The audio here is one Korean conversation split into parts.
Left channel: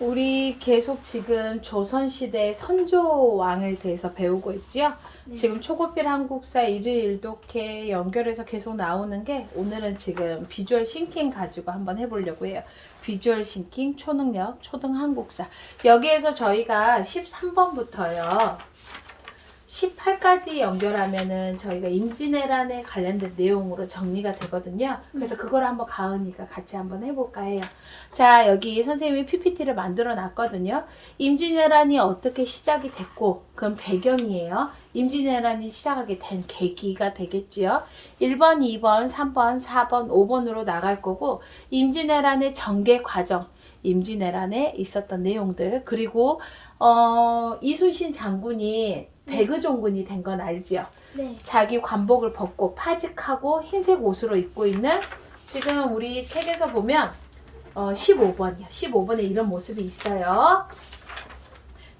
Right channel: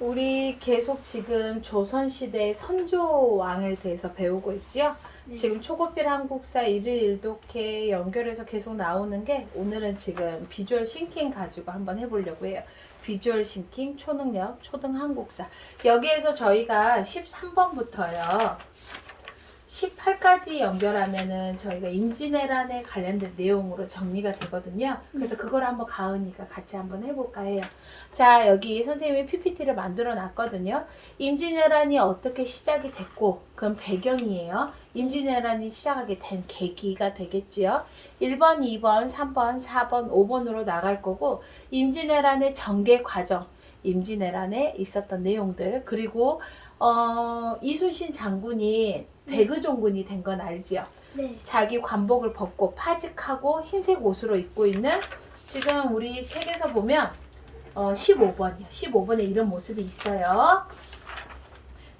우리 계속 지금 조선시대 선조왕에 대해서 배우고 있지요? 네. 지금 초급필 한국사 1일 1독해 연결해서 계속 나오는 게 오늘은 지금 비주얼 싱킹 가지고 한번 해보려고 해요. 비주얼 싱킹, 초능력, 초등 한국사. 여기에서 저희가 13번부터요. 18까지 연결하면은 저희가 임진왜란에 관련된 내용으로 정리가 되거든요. 그래서 그걸 한번 가은이가 같이 한번 해볼까 해요. 자, 여기 선생님이 PPT를 만들어 놨거든요. 임진왜란이 어떻게 시작이 됐고, 그건 배경이에요. 임진왜란이 시작하게 된 계기가 되겠지요. 1번, 2번, 3번, 4번, 5번으로 나갈 거고, 임진왜란의 전개 과정, 임진왜란에 있었던 내용들, 그리고 이순신 장군이 백의종군이 된 건 알지요? 네. 자기 관복을 벗고 파직하고 흰색 옷으로 입고 있는, 지금 우리 책에서 보면 15번이요. 15번에 이런 모습이 있어요.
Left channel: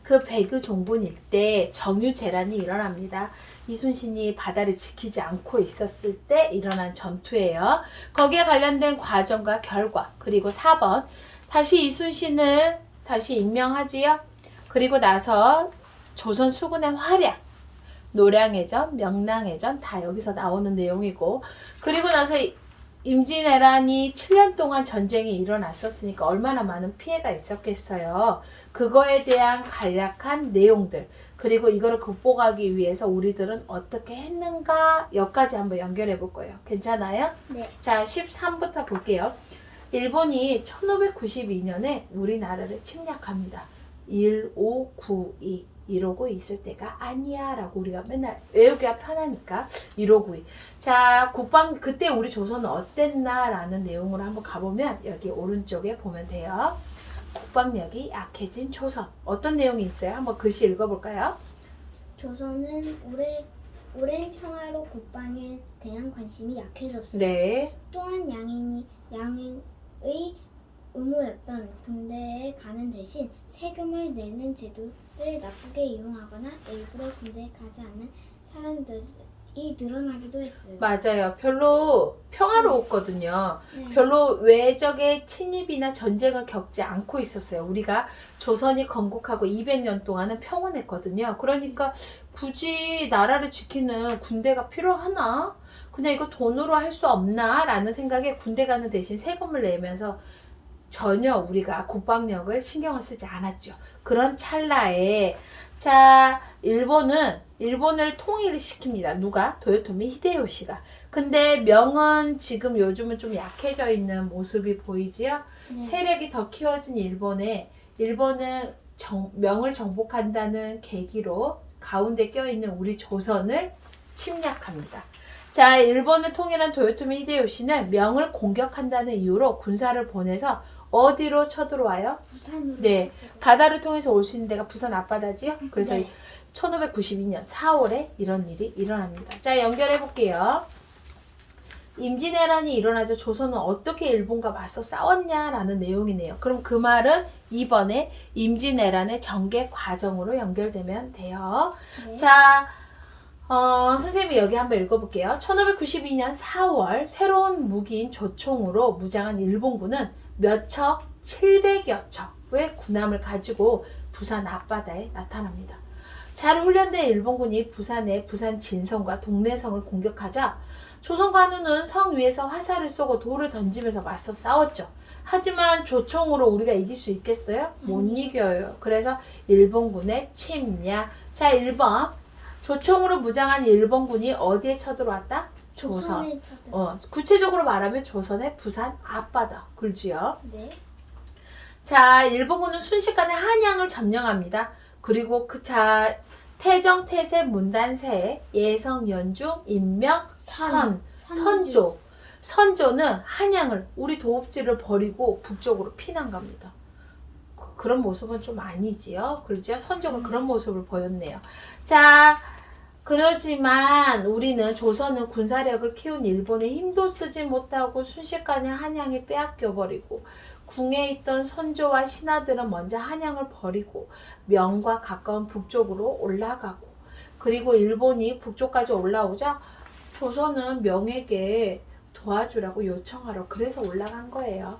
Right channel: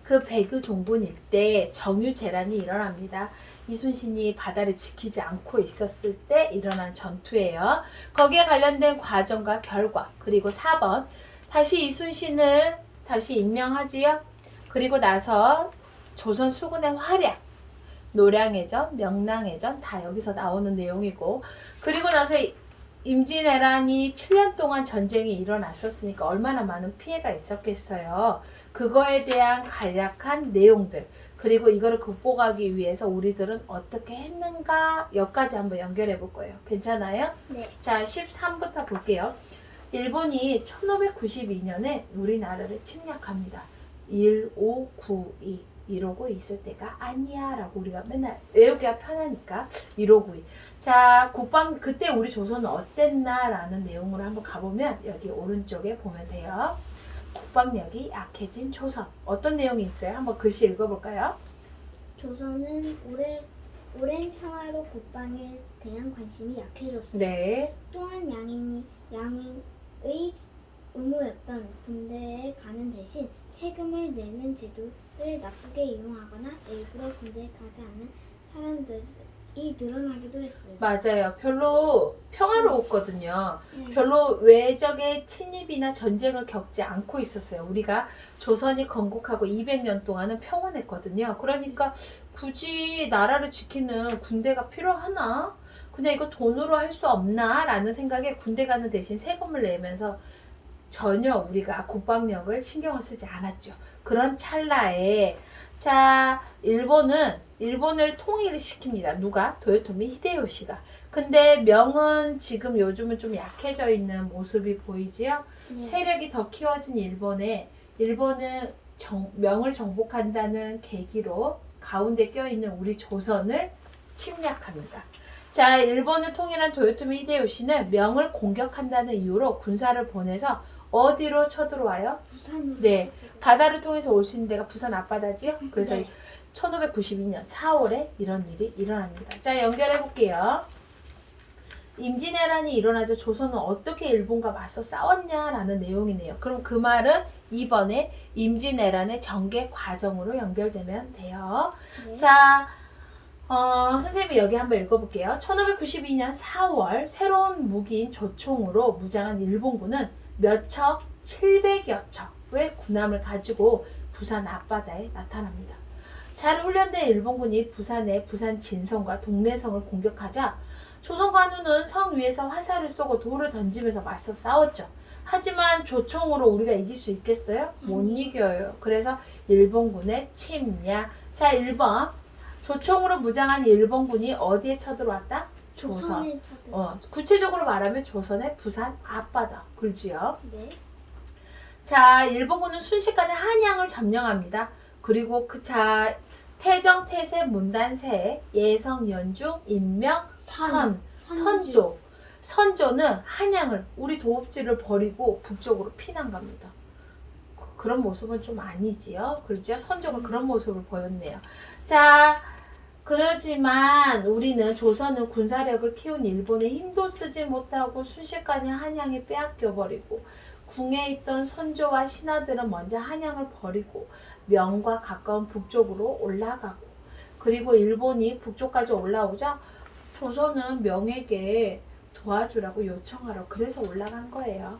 그 백의종군일 때 정유재란이 일어납니다. 이순신이 바다를 지키지 않고 있었을 때 일어난 전투예요. 거기에 관련된 과정과 결과, 그리고 4번 다시 이순신을 다시 임명하지요. 그리고 나서 조선 수군의 활약, 노량해전, 명랑해전 다 여기서 나오는 내용이고, 그리고 나서 임진왜란이 7년 동안 전쟁이 일어났었으니까 얼마나 많은 피해가 있었겠어요. 그거에 대한 간략한 내용들, 그리고 이거를 극복하기 위해서 우리들은 어떻게 했는가 여기까지 한번 연결해 볼 거예요. 괜찮아요? 네. 자, 13부터 볼게요. 일본이 1592년에 우리나라를 침략합니다. 1592 이러고 있을 때가 아니야 라고 우리가 맨날 외우기가 편하니까 1592. 자, 국방 그때 우리 조선은 어땠나 라는 내용으로 한번 가보면 여기 오른쪽에 보면 돼요. 국방력이 약해진 조선. 어떤 내용이 있어요? 한번 글씨 읽어볼까요? 조선은 오랜 평화로 국방에 대한 관심이 약해졌습니다. 네. 또한 양인의 의무였던 군대에 가는 대신 세금을 내는 제도를 나쁘게 이용하거나 일부러 군대에 가지 않은 사람들이 늘어나기도 했어요. 맞아요. 별로 평화로웠거든요. 네. 별로 외적의 침입이나 전쟁을 겪지 않고 있었어요. 우리가 조선이 건국하고 200년 동안은 평온했거든요. 그러니까 굳이 나라를 지키는 군대가 필요하나? 그냥 이거 돈으로 할 수 없나? 라는 생각에 군대 가는 대신 세금을 내면서 전혀 우리가 국방력을 신경을 쓰지 않았죠. 그런 찰나에 자, 일본을 통일을 시킵니다. 누가? 도요토미 히데요시가. 근데 명은 지금 요즘은 좀 약해져 있는 모습이 보이지요? 네. 세력이 더 키워진 일본은 명을 정복한다는 계기로 가운데 껴있는 우리 조선을 침략합니다. 자, 일본을 통일한 도요토미 히데요시는 명을 공격한다는 이유로 군사를 보내서 어디로 쳐들어와요? 부산으로. 네, 바다를 통해서 올 수 있는 데가 부산 앞바다지요. 그래서 네. 1592년 4월에 이런 일이 일어납니다. 자, 연결해 볼게요. 임진왜란이 일어나자 조선은 어떻게 일본과 맞서 싸웠냐라는 내용이네요. 그럼 그 말은 이번에 임진왜란의 전개 과정으로 연결되면 돼요. 네. 자, 선생님이 여기 한번 읽어볼게요. 1592년 4월 새로운 무기인 조총으로 무장한 일본군은 몇 척? 700여 척의 군함을 가지고 부산 앞바다에 나타납니다. 잘 훈련된 일본군이 부산의 부산 진성과 동래성을 공격하자 조선 관우는 성 위에서 화살을 쏘고 돌을 던지면서 맞서 싸웠죠. 하지만 조총으로 우리가 이길 수 있겠어요? 못 이겨요. 그래서 일본군의 침략. 자, 1번. 조총으로 무장한 일본군이 어디에 쳐들어왔다? 조선. 조선에 쳐들어왔어요. 구체적으로 말하면 조선의 부산 앞바다. 굴지요. 네. 자, 일본군은 순식간에 한양을 점령합니다. 그리고 태정, 태세, 문단세, 예성, 연중, 인명, 선조. 선조는 한양을 우리 도읍지를 버리고 북쪽으로 피난 갑니다. 그런 모습은 좀 아니지요. 그렇죠? 선조가 그런 모습을 보였네요. 자, 그렇지만 우리는 조선은 군사력을 키운 일본에 힘도 쓰지 못하고 순식간에 한양이 빼앗겨버리고 궁에 있던 선조와 신하들은 먼저 한양을 버리고 명과 가까운 북쪽으로 올라가고, 그리고 일본이 북쪽까지 올라오자 조선은 명에게 도와주라고 요청하러 그래서 올라간 거예요.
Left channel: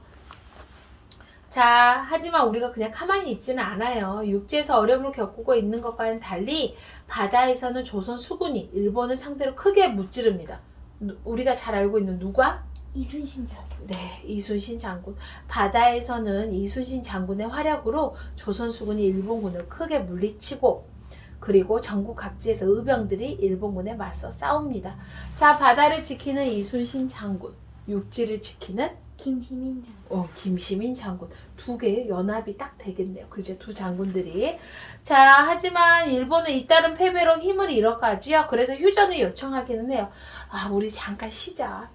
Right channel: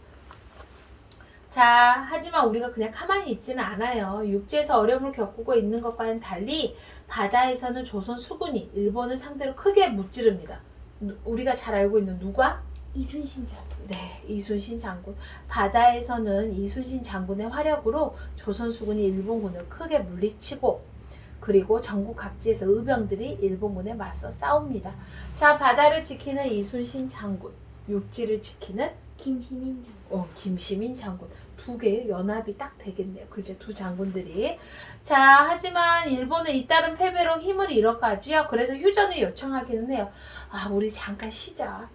자, 하지만 우리가 그냥 가만히 있지는 않아요. 육지에서 어려움을 겪고 있는 것과는 달리 바다에서는 조선 수군이 일본을 상대로 크게 무찌릅니다. 우리가 잘 알고 있는 누가? 이순신 장군. 네, 이순신 장군. 바다에서는 이순신 장군의 활약으로 조선 수군이 일본군을 크게 물리치고 그리고 전국 각지에서 의병들이 일본군에 맞서 싸웁니다. 자, 바다를 지키는 이순신 장군, 육지를 지키는 김시민 장군. 김시민 장군. 두 개의 연합이 딱 되겠네요. 그렇죠? 두 장군들이. 자, 하지만 일본은 잇따른 패배로 힘을 잃어가지요. 그래서 휴전을 요청하기는 해요. 아, 우리 잠깐 쉬자.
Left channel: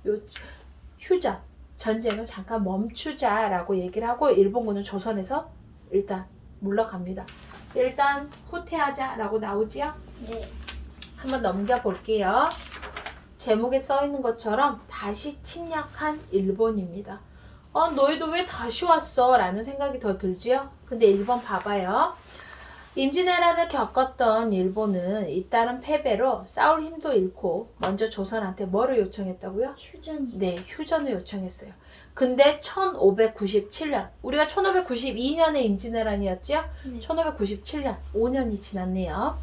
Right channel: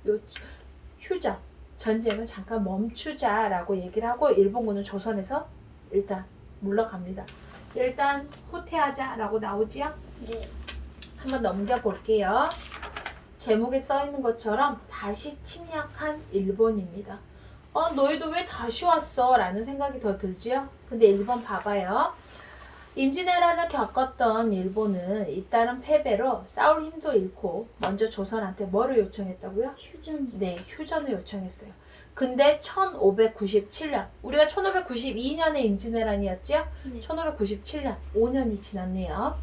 휴전. 전쟁을 잠깐 멈추자라고 얘기를 하고 일본군은 조선에서 일단 물러갑니다. 일단 후퇴하자라고 나오지요. 네. 한번 넘겨볼게요. 제목에 써 있는 것처럼 다시 침략한 일본입니다. 너희도 왜 다시 왔어? 라는 생각이 더 들지요. 근데 일본 봐봐요. 임진왜란을 겪었던 일본은 잇따른 패배로 싸울 힘도 잃고 먼저 조선한테 뭐를 요청했다고요? 휴전이. 네, 휴전을 요청했어요. 근데 1597년, 우리가 1592년에 임진왜란이었죠? 네. 1597년, 5년이 지났네요.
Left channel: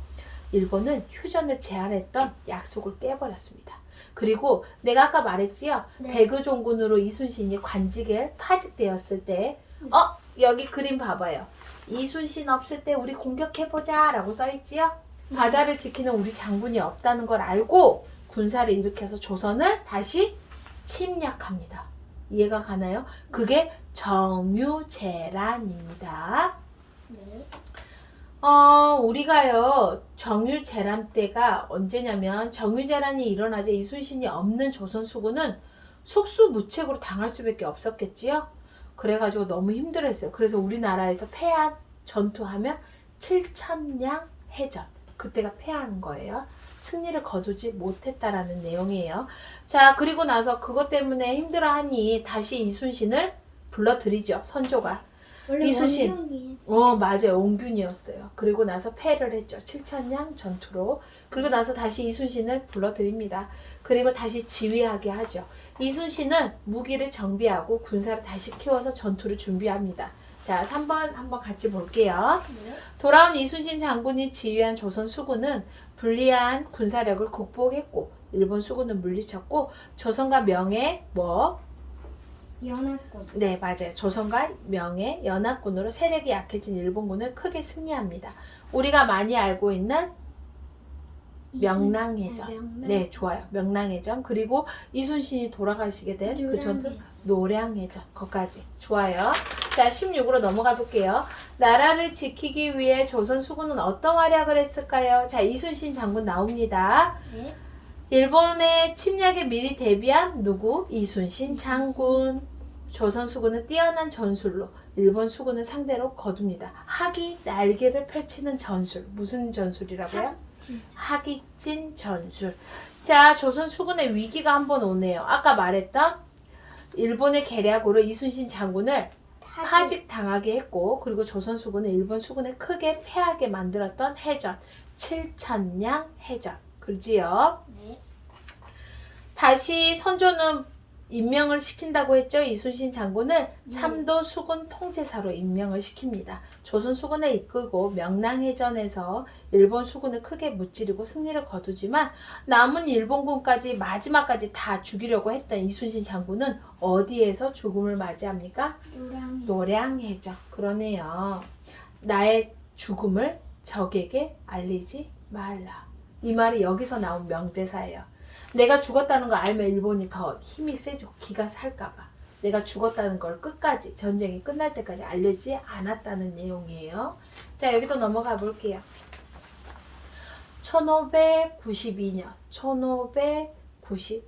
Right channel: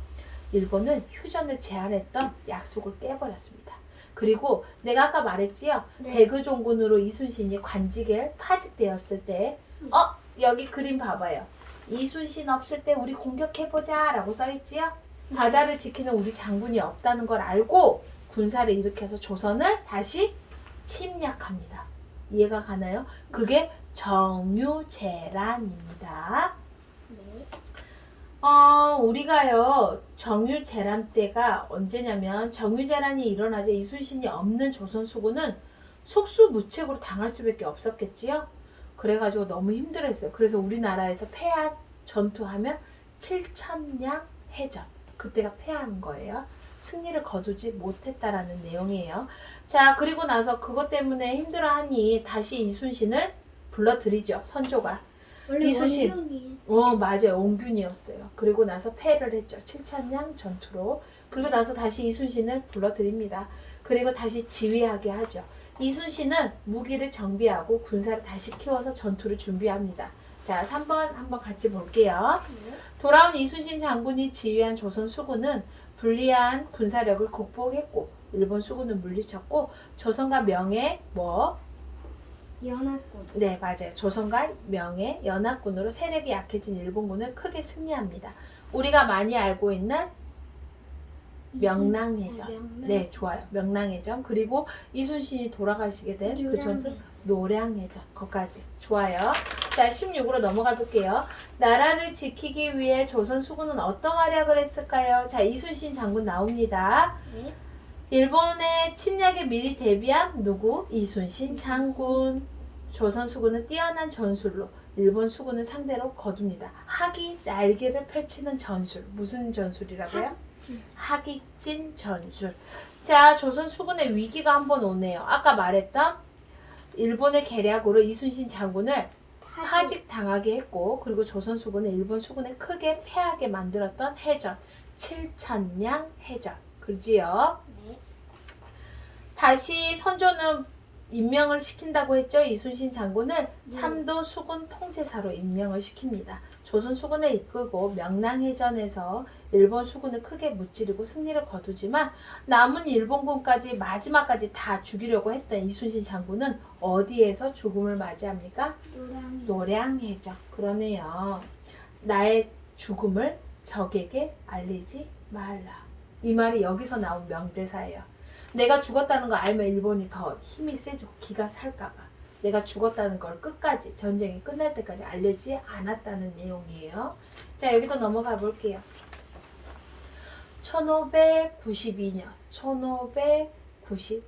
일본은 휴전을 제안했던 약속을 깨버렸습니다. 그리고 내가 아까 말했지요. 네. 백의종군으로 이순신이 관직에 파직되었을 때 여기 그림 봐봐요. 이순신 없을 때 우리 공격해보자 라고 써있지요. 바다를 지키는 우리 장군이 없다는 걸 알고 군사를 일으켜서 조선을 다시 침략합니다. 이해가 가나요? 그게 정유재란입니다. 네. 우리가요, 정유재란 때가 언제냐면, 정유재란이 일어나자 이순신이 없는 조선 수군은 속수무책으로 당할 수밖에 없었겠지요? 그래가지고 너무 힘들었어요. 그래서 우리나라에서 패한 전투하면 7천량 해전. 그때가 패한 거예요. 승리를 거두지 못했다라는 내용이에요. 자, 그리고 나서 그것 때문에 힘들어하니 다시 이순신을 불러들이죠. 선조가. 원래 이순신. 원균이. 맞아요. 옹균이었어요. 그리고 나서 패를 했죠. 7천량 전투로. 그리고 나서 다시 이순신을 불러들입니다. 그리고 다시 지휘하게 하죠. 이순신은 무기를 정비하고 군사를 다시 키워서 전투를 준비합니다. 자, 3번 한번 같이 볼게요. 네. 돌아온 이순신 장군이 지휘한 조선 수군은 불리한 군사력을 극복했고 일본 수군을 물리쳤고 조선과 명예 연합군. 네, 맞아요. 조선과 명예 연합군으로 세력이 약해진 일본군을 크게 승리합니다. 우리가 많이 알고 있는 명랑해전. 명랑. 네, 좋아요. 명랑해전. 그리고 이순신이 돌아가시게 된 그 전투 노량해전. 거기까지. 좋아요. 자, 16으로 넘어가 볼게요. 나라를 지키기 위해 조선 수군은 어떤 활약을 했을까요? 자, 이순신 장군 나옵니다. 네. 일본의 침략에 미리 대비한 누구? 이순신 장군. 조선 수군은 뛰어난 전술로 일본 수군을 상대로 거둡니다. 학이 날개를 펼치는 전술. 무슨 전술이라고요? 진짜. 학익진 전술. 자, 조선 수군의 위기가 한번 오네요. 아까 말했던 일본의 계략으로 이순신 장군을 파직당하게 했고 그리고 조선 수군은 일본 수군을 크게 패하게 만들었던 해전. 7천량 해전. 그지요? 네. 다시 선조는 임명을 시킨다고 했죠. 이순신 장군을 삼도 수군 통제사로 임명을 시킵니다. 조선 수군을 이끌고 명랑해전에서 일본 수군을 크게 무찌르고 승리를 거두지만 남은 일본군까지 마지막까지 다 죽이려고 했던 이순신 장군은 어디에서 죽음을 맞이합니까? 노량해전. 그러네요. 나의 죽음을 적에게 알리지 말라. 이 말이 여기서 나온 명대사예요. 내가 죽었다는 걸 알면 일본이 더 힘이 세지고 기가 살까봐 내가 죽었다는 걸 끝까지 전쟁이 끝날 때까지 알려지지 않았다는 내용이에요. 자, 여기도 넘어가 볼게요. 1592년 1590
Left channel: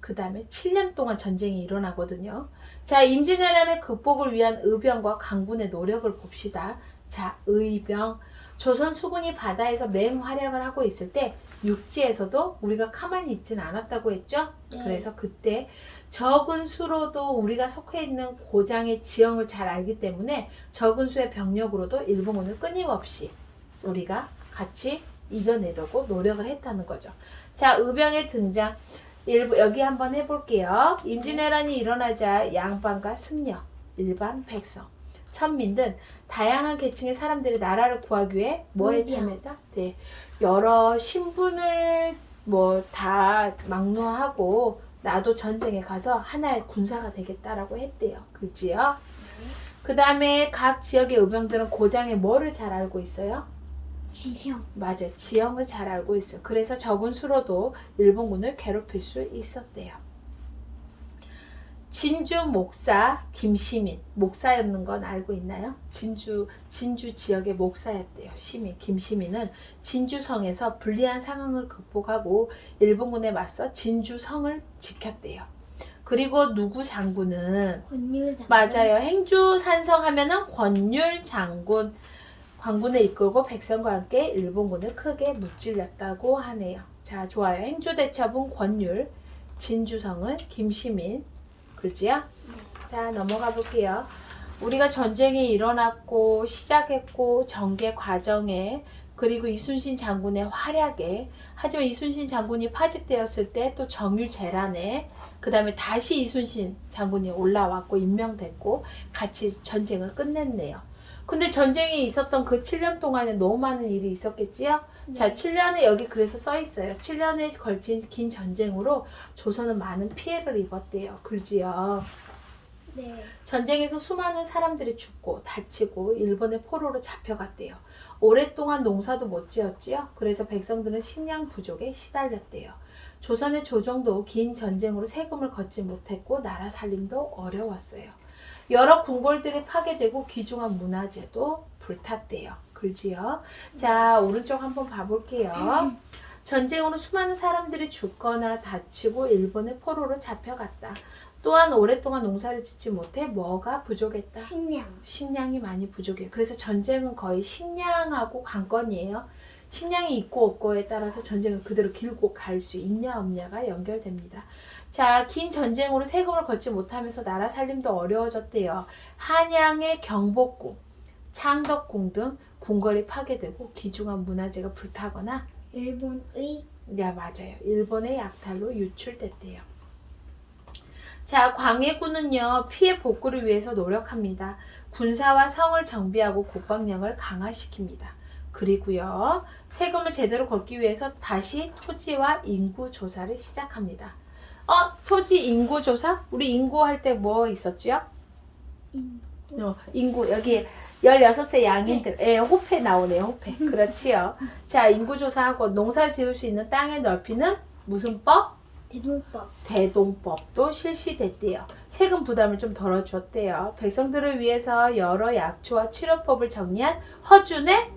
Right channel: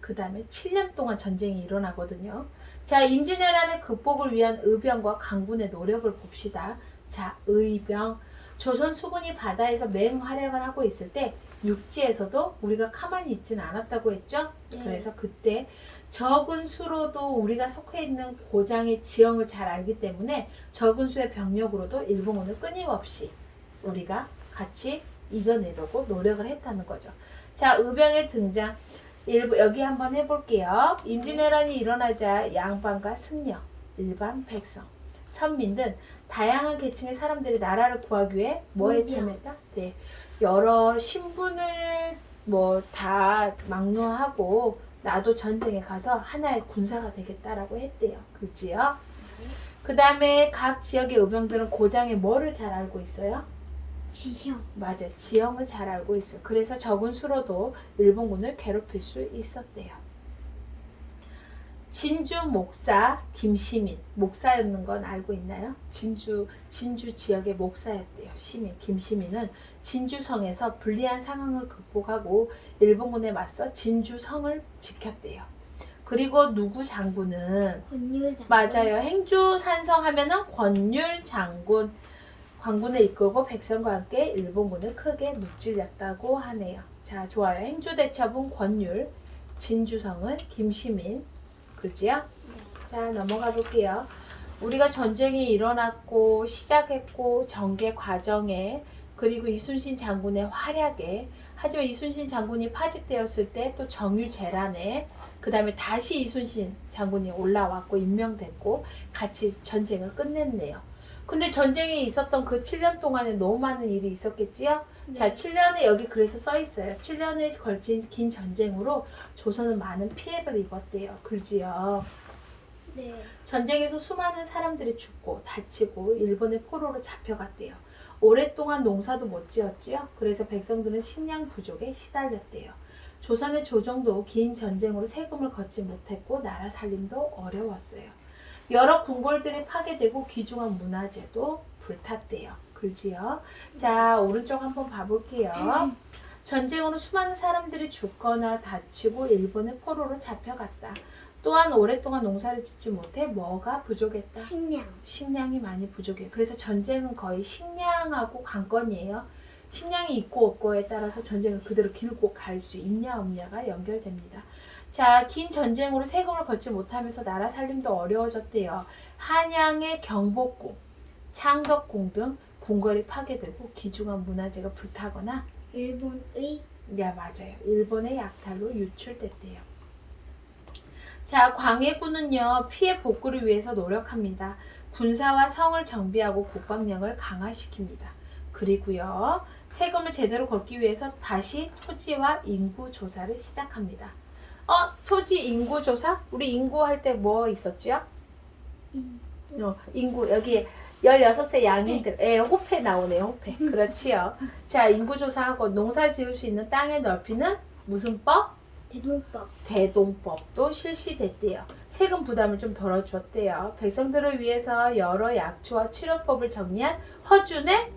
그 다음에 7년 동안 전쟁이 일어나거든요. 자, 임진왜란의 극복을 위한 의병과 강군의 노력을 봅시다. 자, 의병. 조선 수군이 바다에서 맹활약을 하고 있을 때 육지에서도 우리가 가만히 있지는 않았다고 했죠. 네. 그래서 그때 적은 수로도 우리가 속해 있는 고장의 지형을 잘 알기 때문에 적은 수의 병력으로도 일본군을 끊임없이 우리가 같이 이겨내려고 노력을 했다는 거죠. 자, 의병의 등장. 여기 한번 해볼게요. 임진왜란이 일어나자 양반과 승려, 일반 백성, 천민 등 다양한 계층의 사람들이 나라를 구하기 위해 뭐에 문병. 참여했다? 네. 여러 신분을 뭐 다 막론하고 나도 전쟁에 가서 하나의 군사가 되겠다라고 했대요. 그렇지요? 그 다음에 각 지역의 의병들은 고장에 뭐를 잘 알고 있어요? 지형. 맞아요. 지형을 잘 알고 있어요. 그래서 적은 수로도 일본군을 괴롭힐 수 있었대요. 진주 목사 김시민, 목사였는 건 알고 있나요? 진주 지역의 목사였대요. 시민 김시민은 진주성에서 불리한 상황을 극복하고 일본군에 맞서 진주성을 지켰대요. 그리고 누구 장군은 권율 장군. 맞아요. 행주산성 하면은 권율 장군, 관군을 이끌고 백성과 함께 일본군을 크게 무찔렀다고 하네요. 자, 좋아요. 행주대첩은 권율, 진주성은 김시민. 그렇지요? 네. 자, 넘어가 볼게요. 우리가 전쟁이 일어났고 시작했고 전개 과정에 그리고 이순신 장군의 활약에 하지만 이순신 장군이 파직되었을 때 또 정유재란에 그 다음에 다시 이순신 장군이 올라왔고 임명됐고 같이 전쟁을 끝냈네요. 근데 전쟁이 있었던 그 7년 동안에 너무 많은 일이 있었겠지요? 네. 자, 7년에 여기 그래서 써 있어요. 7년에 걸친 긴 전쟁으로 조선은 많은 피해를 입었대요. 그러지요. 네. 전쟁에서 수많은 사람들이 죽고 다치고 일본의 포로로 잡혀갔대요. 오랫동안 농사도 못 지었지요. 그래서 백성들은 식량 부족에 시달렸대요. 조선의 조정도 긴 전쟁으로 세금을 걷지 못했고 나라 살림도 어려웠어요. 여러 궁궐들이 파괴되고 귀중한 문화재도 불탔대요. 그지요? 자, 오른쪽 한번 봐볼게요. 전쟁으로 수많은 사람들이 죽거나 다치고 일본의 포로로 잡혀갔다. 또한 오랫동안 농사를 짓지 못해 뭐가 부족했다? 식량. 식량이 많이 부족해. 그래서 전쟁은 거의 식량하고 관건이에요. 식량이 있고 없고에 따라서 전쟁을 그대로 길고 갈 수 있냐 없냐가 연결됩니다. 자, 긴 전쟁으로 세금을 걷지 못하면서 나라 살림도 어려워졌대요. 한양의 경복궁, 창덕궁 등 궁궐이 파괴되고 귀중한 문화재가 불타거나 일본의 네, 맞아요. 일본의 약탈로 유출됐대요. 자, 광해군은요, 피해 복구를 위해서 노력합니다. 군사와 성을 정비하고 국방력을 강화시킵니다. 그리고요, 세금을 제대로 걷기 위해서 다시 토지와 인구 조사를 시작합니다. 토지 인구 조사? 우리 인구 할 때 뭐 있었죠? 인구, 여기 16세 양인들, 호패 나오네요, 호패. 그렇지요. 자, 인구 조사하고 농사 지을 수 있는 땅의 넓이는 무슨 법? 대동법. 대동법도 실시됐대요. 세금 부담을 좀 덜어주었대요. 백성들을 위해서 여러 약초와 치료법을 정리한 허준의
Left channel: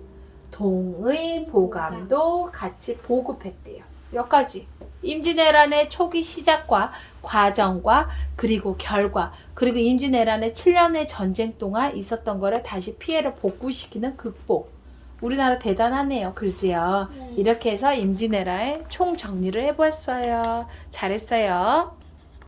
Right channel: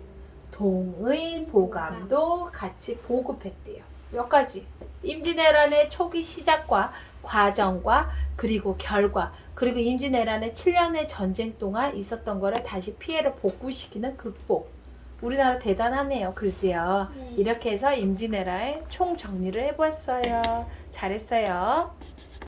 동의보감도 같이 보급했대요. 여기까지. 임진왜란의 초기 시작과 과정과 그리고 결과 그리고 임진왜란의 7년의 전쟁 동안 있었던 거를 다시 피해를 복구시키는 극복. 우리나라 대단하네요. 그러지요? 네. 이렇게 해서 임진왜란의 총 정리를 해보았어요. 잘했어요.